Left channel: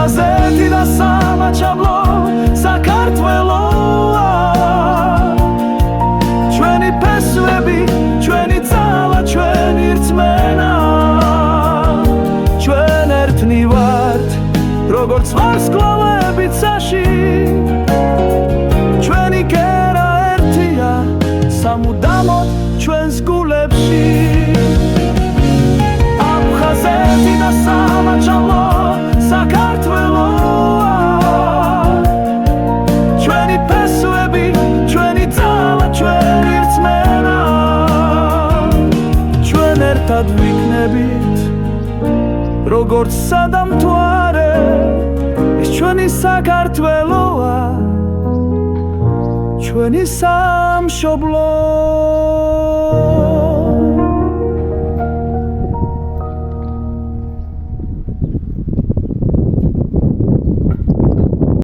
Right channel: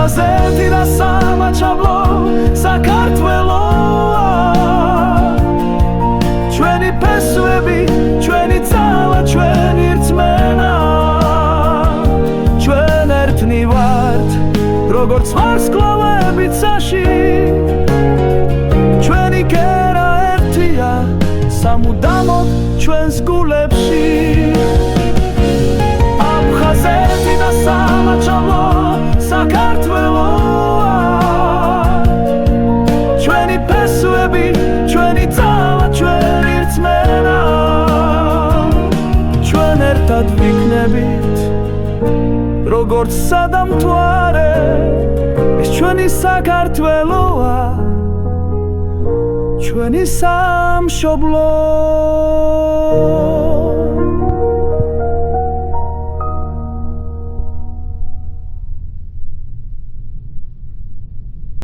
აფხაზეთი და სამაჩაბლო საქართველოა ჩვენი ფესვები, ჩვენი ძალა, ჩვენი რწმენა ჩვენ ერთნი ვართ როგორც ვარსკვლავები ცაში ჩვენი კერა ერთია სამუდამოდ ჩვენს გულებში აფხაზეთი და სამაჩაბლო საქართველოა ჩვენი ფესვები, ჩვენი ძალა, ჩვენი რწმენა ჩვენ ერთად ვიქნებით როგორც სადამთვარე ეს ჩვენი საქართველოა ჩვენი სამშობლო